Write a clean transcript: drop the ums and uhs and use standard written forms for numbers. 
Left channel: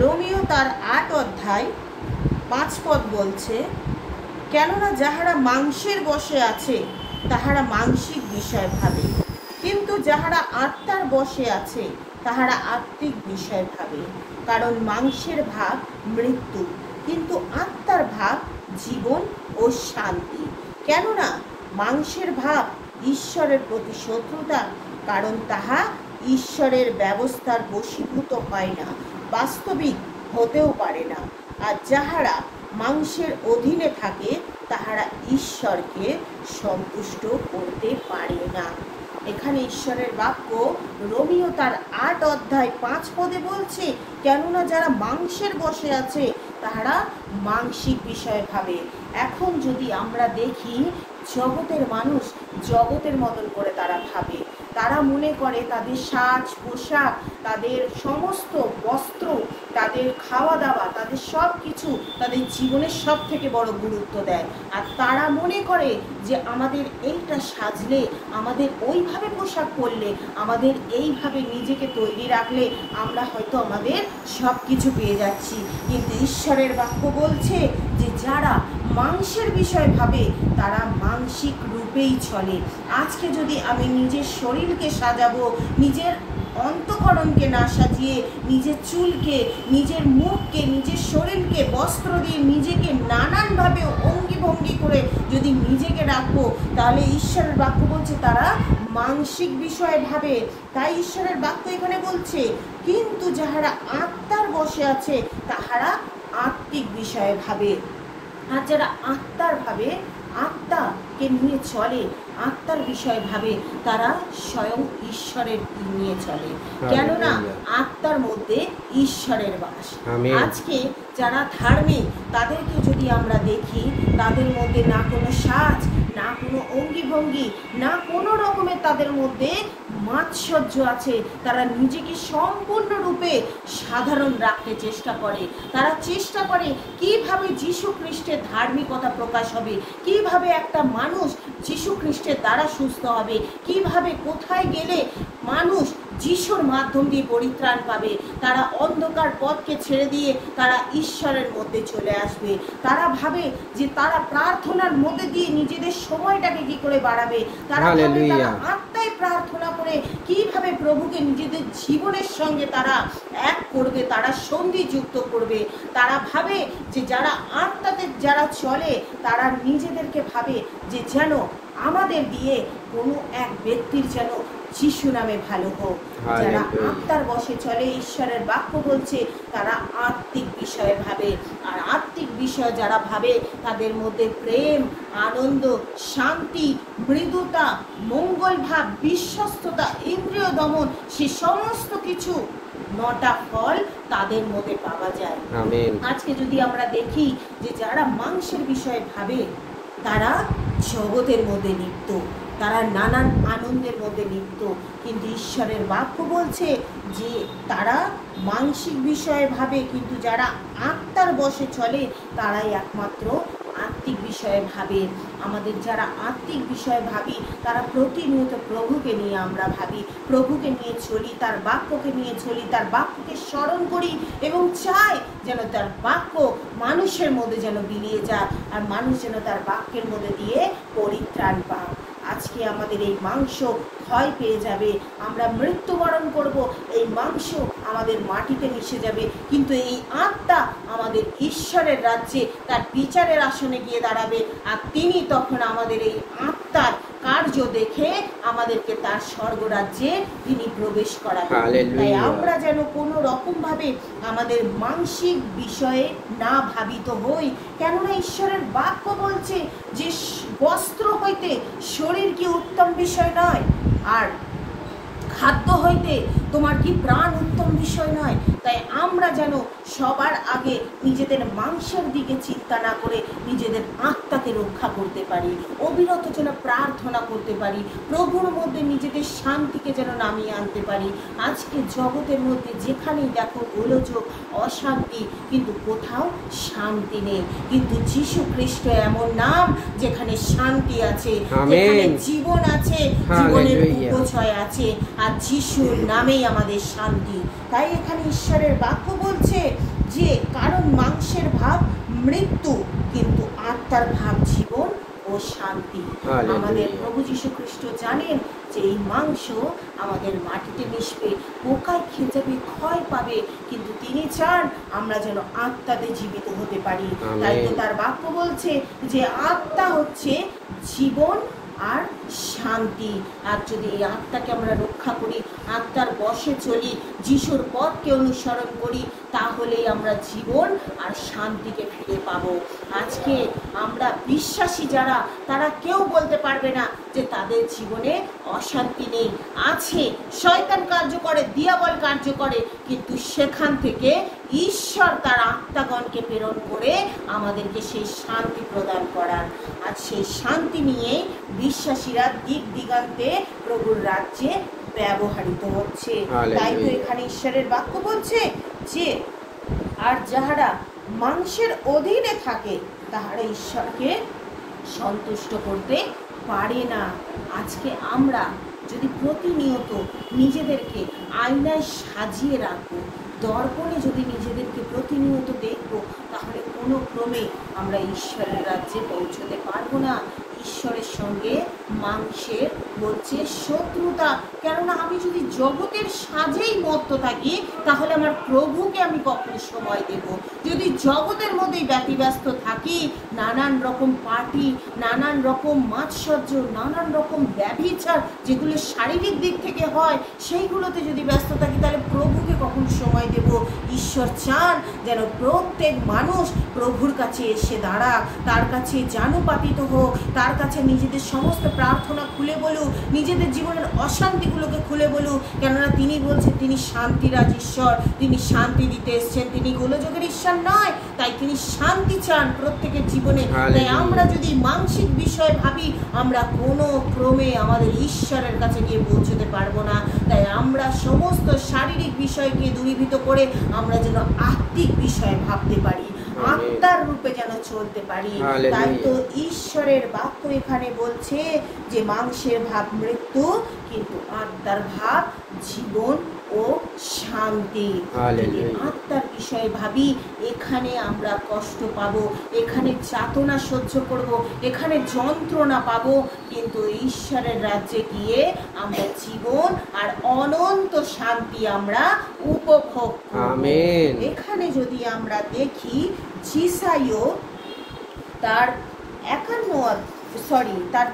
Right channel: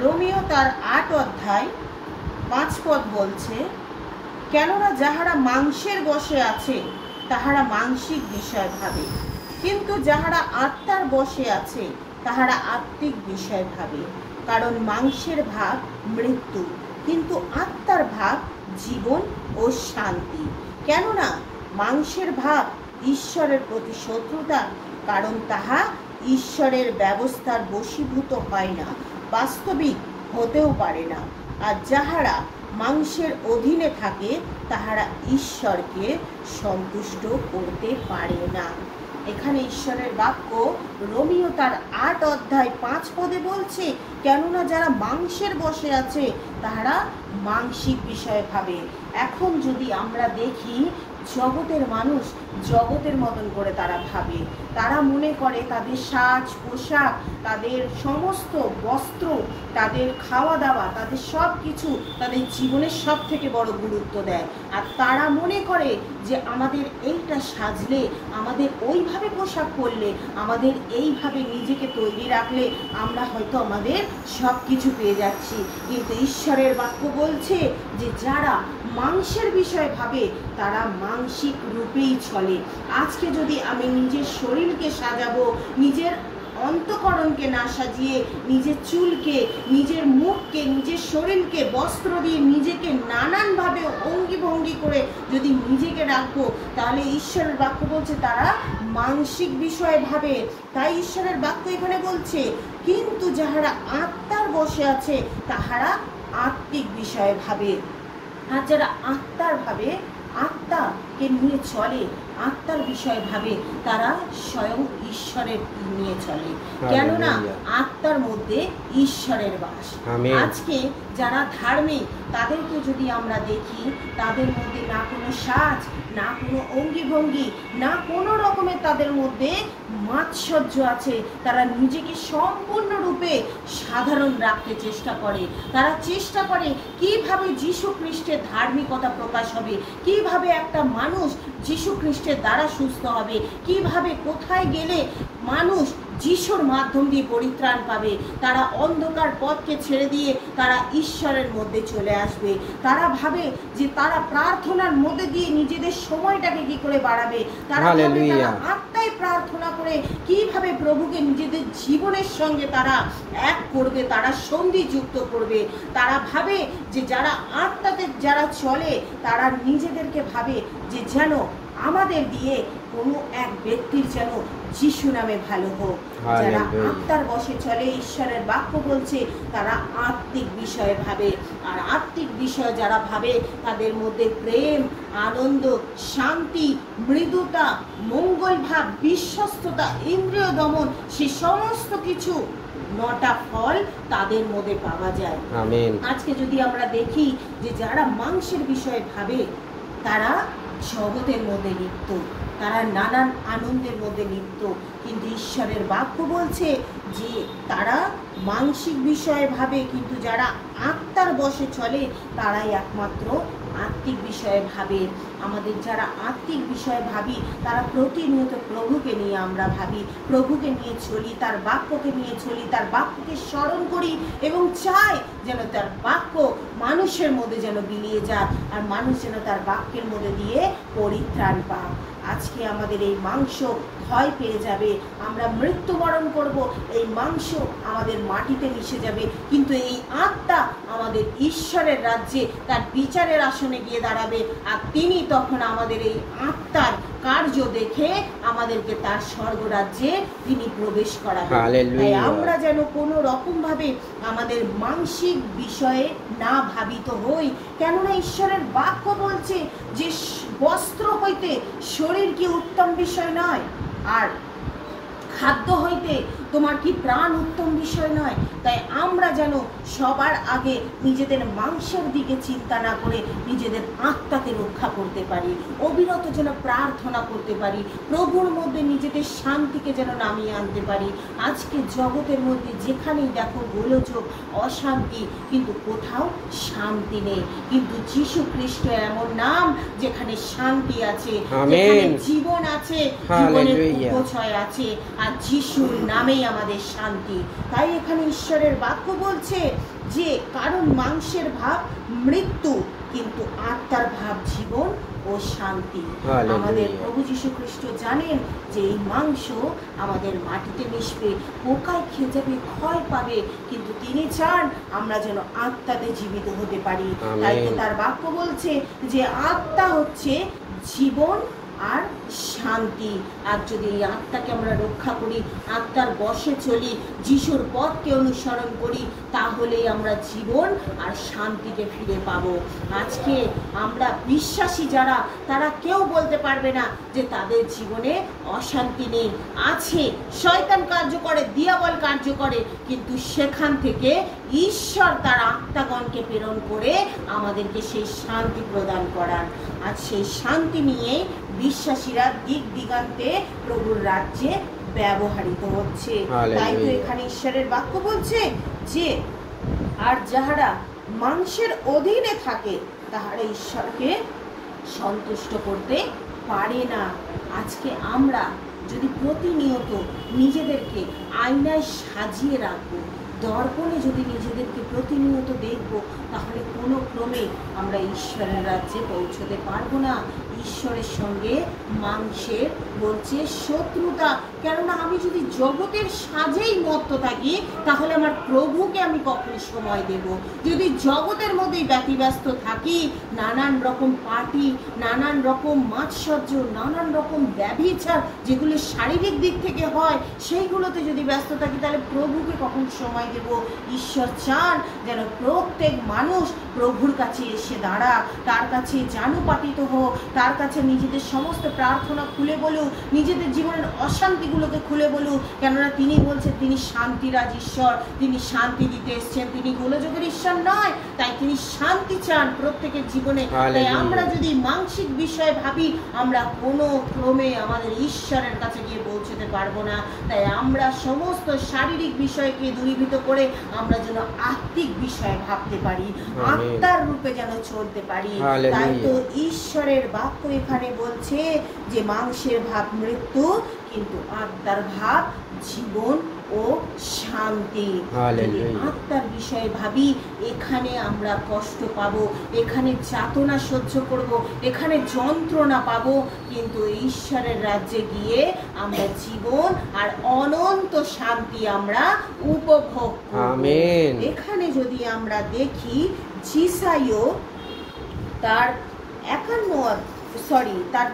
Romeo তার 8 অধ্যায় 5 পদ বলছে, কেননা যাহারা মাংসের বশে আছে তাহারা মাংসিক বিষয় ভাবে, কিন্তু যাহারা আত্মার বশে আছে তাহারা আত্মিক বিষয় ভাবে। কারণ মাংসের ভাব মৃত্যু, কিন্তু আত্মার ভাব জীবন ও শান্তি। কেননা মাংসের ভাব ঈশ্বরের প্রতি শত্রুতা, কারণ তাহা ঈশ্বরের ব্যবস্থার বশীভূত হয় না, বাস্তবিক হতেও পারে না। আর যাহারা মাংসের অধীনে থাকে তাহারা ঈশ্বরকে সন্তুষ্ট করতে পারে না। এখানে ঈশ্বরের বাক্য রোমিও তার 8 অধ্যায় 5 পদে বলছে, কেননা যারা মাংসের বশে আছে তাহারা মাংসিক বিষয় ভাবে। এখন যদি আমরা দেখি, জগতের মানুষ জগতের মতন করে তারা ভাবে। তারা মনে করে তাদের সাজ পোশাক, তাদের সমস্ত বস্ত্র, তাদের খাওয়া দাওয়া, তাদের সব কিছু তাদের জীবনের সব থেকে বড় গুরুত্ব দেয়। আর তারা মনে করে যে আমাদের এইটা সাজলে, আমাদের ওইভাবে পোশাক পরলে, আমাদের এইভাবে নিজেকে তৈরি রাখলে আমরা হয়তো আমাদের সব কিছু পেয়ে যাচ্ছি। কিন্তু ঈশ্বরের বাক্য বলছে যে যারা মাংসের বিষয় ভাবে তারা মানসিক রূপেই চলে। আজকে যদি আমি নিজের শরীরকে সাজাবো, নিজের অন্তঃকরণকে না সাজিয়ে নিজের চুলকে, নিজের মুখকে, নিজের শরীরকে বস্ত্র দিয়ে নিজেকে নানানভাবে অঙ্গি ভঙ্গি করে যদি নিজেকে রাখবো, তাহলে ঈশ্বরের বাক্য বলছে তারা মানসিক বিষয়ে ভাবে। তাই ঈশ্বরের বাক্য এখানে বলছে, কিন্তু যাহারা আত্মার বশে আছে তাহারা আত্মিক বিষয়ে ভাবে। আর যারা আত্মার ভাবে, আত্মাকে নিয়ে চলে, আত্মার বিষয় ভাবে, তারা স্বয়ং ঈশ্বরের নিয়ে চলে। কেননা আত্মার মধ্যে ঈশ্বরের বাস। আজকে যারা ধার্মিক তাদেরকে যদি আমরা দেখি, তাদের মধ্যে না কোনো সাজ, না কোনো অঙ্গি ভঙ্গি, না কোনো রকমের তাদের মধ্যে মাৎসর্য আছে। তারা নিজেকে সম্পূর্ণরূপে সাধারণ রাখতে চেষ্টা করে। তারা চেষ্টা করে কিভাবে যীশু খ্রিস্টের ধার্মিকতা প্রকাশ হবে, কিভাবে একটা মানুষ যীশু খ্রিস্টের দ্বারা সুস্থ হবে, কিভাবে কোথায় গেলে মানুষ যিশুর মাধ্যম দিয়ে পরিত্রাণ পাবে। তারা অন্ধকার পথকে ছেড়ে দিয়ে তারা ঈশ্বরের মধ্যে চলে আসবে। তারা ভাবে যে তারা প্রার্থনার মধ্যে দিয়ে নিজেদের সময়টাকে কি করে বাড়াবে। তারা আত্মায় প্রার্থনা করে কিভাবে প্রভুকে নিজেদের জীবনের সঙ্গে তারা এক করবে, তারা সন্ধি যুক্ত করবে। তারা ভাবে যে যারা আত্মাতে যারা চলে তারা নিজেদেরকে ভাবে যে যেন আমাদের দিয়ে কোনো এক ব্যক্তির যেন যিশু নামে ভালো হোক। যারা আত্মার বশে চলে, ঈশ্বরের বাক্য বলছে তারা আত্মিক বিষয়ে ভাবে। আর আত্মিক বিষয় যারা ভাবে তাদের মধ্যে প্রেম, আনন্দ, শান্তি, মৃদুতা, মঙ্গল ভাব, বিশ্বস্ততা, ইন্দ্রিয় দমন, সে সমস্ত কিছু 9টা ফল তাদের মধ্যে পাওয়া যায়। আজকে যদি আমরা দেখি যে যারা মাংসের বিষয়ে ভাবে তারা জগতের মধ্যে লিপ্ত, তারা নানান আনন্দের মধ্যে লিপ্ত। কিন্তু ঈশ্বরের বাক্য বলছে যে তারা মানসিক বিষয়ে ভাবে, কিন্তু যারা আত্মার বশে চলে তারাই একমাত্র আত্মিক বিষয়ে ভাবে। আমাদের যারা আত্মিক বিষয়ে ভাবি তারা প্রতিনিয়ত প্রভুকে নিয়ে আমরা ভাবি, প্রভুকে নিয়ে চলি, তার বাক্যকে নিয়ে চলি, তার বাক্যকে স্মরণ করি এবং চাই যেন তার বাক্য মানুষের মধ্যে যেন বিলিয়ে যায়, আর মানুষ যেন তার বাক্যের মধ্যে দিয়ে পরিত্রাণ পায়। আজকে আমাদের এই মাংস ক্ষয় পেয়ে যাবে, আমরা মৃত্যুবরণ করব, এই মাংস আমাদের মাটিতে মিশে যাবে, কিন্তু এই আত্মা আমাদের ঈশ্বরের রাজ্যে তার বিচারের আসনে গিয়ে দাঁড়াবে। আর তিনি তখন আমাদের এই আত্মার কার্য দেখে আমাদেরকে তার স্বর্গরাজ্যে তিনি প্রবেশ করাবেন। তাই আমরা যেন কোনো রকম ভাবে আমাদের মানসিক বিষয়ে না ভাবিত হই। কেননা ঈশ্বরের বাক্য বলছে যে বস্ত্র হইতে শরীর কি উত্তম বিষয় নয়, আর খাদ্য হইতে তোমার কি প্রাণ উত্তম বিষয় নয়। তাই আমরা যেন সবার আগে নিজেদের মাংসের দিকে চিন্তা না করে নিজেদের আত্মাকে রক্ষা করতে পারি, অবিরত যেন প্রার্থনা করতে পারি, প্রভুর মধ্যে নিজেদের শান্তিকে যেন নামিয়ে আনতে পারি। আজকে জগতের মধ্যে যেখানেই দেখো গোলযোগ, অশান্তি, কিন্তু কোথাও শান্তি নেই। কিন্তু যীশু খ্রিস্ট এমন নাম যেখানে শান্তি আছে, যেখানে জীবন আছে, জীবনের উপচয় আছে, আর যিশুর নামেই আমাদের শান্তি। তাই এখানে ঈশ্বরের বাক্য বাক্য বলছে যে কারণ মাংসের ভাব মৃত্যু, কিন্তু আত্মার ভাব জীবন ও শান্তি। আমাদের প্রভু যীশু খ্রিস্ট জানেন যে এই মাংস আমাদের মাটিতে মিশবে, পোকায় খেয়ে যাবে, ক্ষয় পাবে, কিন্তু তিনি চান আমরা যেন আত্মাতে জীবিত হতে পারি। তাই তার বাক্য বলছে যে আত্মা হচ্ছে জীবন আর শান্তি। আর যদি এই আত্মাকে আমরা রক্ষা করি, আত্মার বশে চলি, যিশুর পথকে অনুসরণ করি, তাহলেই আমরা জীবন আর শান্তিকে ফিরে পাবো। আজকে আমরা বিশ্বাসী যারা, তারা কেউ বলতে পারবে না যে তাদের জীবনে অশান্তি নেই। আছে, শয়তান কার্য করে, দিয়াবল কার্য করে, কিন্তু সেখান থেকে ঈশ্বর তার আত্মাগণকে প্রেরণ করে আমাদেরকে সেই শান্তি প্রদান করার। আর সেই শান্তি নিয়ে বিশ্বাসীরা দিক দিগান্তে প্রভুর রাজ্যে ব্যবহৃত হচ্ছে। তাই তো এখানে ঈশ্বরের বাক্য বলছে যে আর যাহারা মাংসের অধীনে থাকে তাহারা ঈশ্বরকে সন্তুষ্ট করতে পারে না। আজকে আমরা যদি প্রতিনিয়ত নিজেদেরকে আয়নায় সাজিয়ে রাখবো, দর্পণে যদি নিজেদেরকে প্রতিনিয়ত দেখবো, তাহলে কোনো ক্রমে আমরা ঈশ্বরের রাজ্যে পৌঁছতে পারবো না। ঈশ্বরের সঙ্গে মাংসের বলছে শত্রুতা। কেননা আমি যদি জগতের সাজেই মত্ত থাকি, তাহলে আমার প্রভুকে আমি কখন সময় দেব? যদি জগতের মধ্যেই ব্যতিব্যস্ত থাকি, নানান রকম পার্টি, নানান রকম মাৎসর্য, নানান রকম ব্যভিচার যেগুলো শারীরিক দিক থেকে হয়, সেইগুলোতে যদি ব্যস্ত থাকি, তাহলে প্রভুকে কখন সময় দেব? ঈশ্বর চান যেন প্রত্যেক মানুষ প্রভুর কাছে এসে দাঁড়া, তার কাছে জানুপাতিত হোক, তার কাছে নিজেদের সমস্ত প্রার্থনা খুলে বলুক, নিজেদের জীবনের অশান্তিগুলোকে খুলে বলুক। কেননা তিনি বলছেন তিনি শান্তিরাজ ঈশ্বর, তিনি শান্তি দিতে এসছেন, তিনি গোলযোগের ঈশ্বর নয়। তাই তিনি শান্তি চান প্রত্যেকের জীবনে। তাই আমরা যদি মানসিক বিষয়ে ভাবি, আমরা কোনো ক্রমে আমাদের ঈশ্বরের কাছে গিয়ে পৌঁছতে পারবো না। তাই আমরা সমস্ত শারীরিক বিষয়কে দূরীভূত করে আমরা যেন আত্মিক বিষয়ে ভাবতে পারি, আত্মার রূপে যেন চলতে পারি। তাই তো ঈশ্বরের বাক্য এখানে বলছে যে মাংসের ভাব মৃত্যু, কিন্তু আত্মার ভাব জীবন ও শান্তি। আত্মার বিষয়ে ভাবি, এখানে আমরা কষ্ট পাবো, এখানে যাতনা সহ্য করব, এখানে যন্ত্রণা পাবো, কিন্তু ঈশ্বরের রাজ্যে গিয়ে আমরা জীবন আর অনন্ত শান্তি আমরা উপভোগ করব। এখানে যদি আমরা দেখি যিশাইও তার 51 তার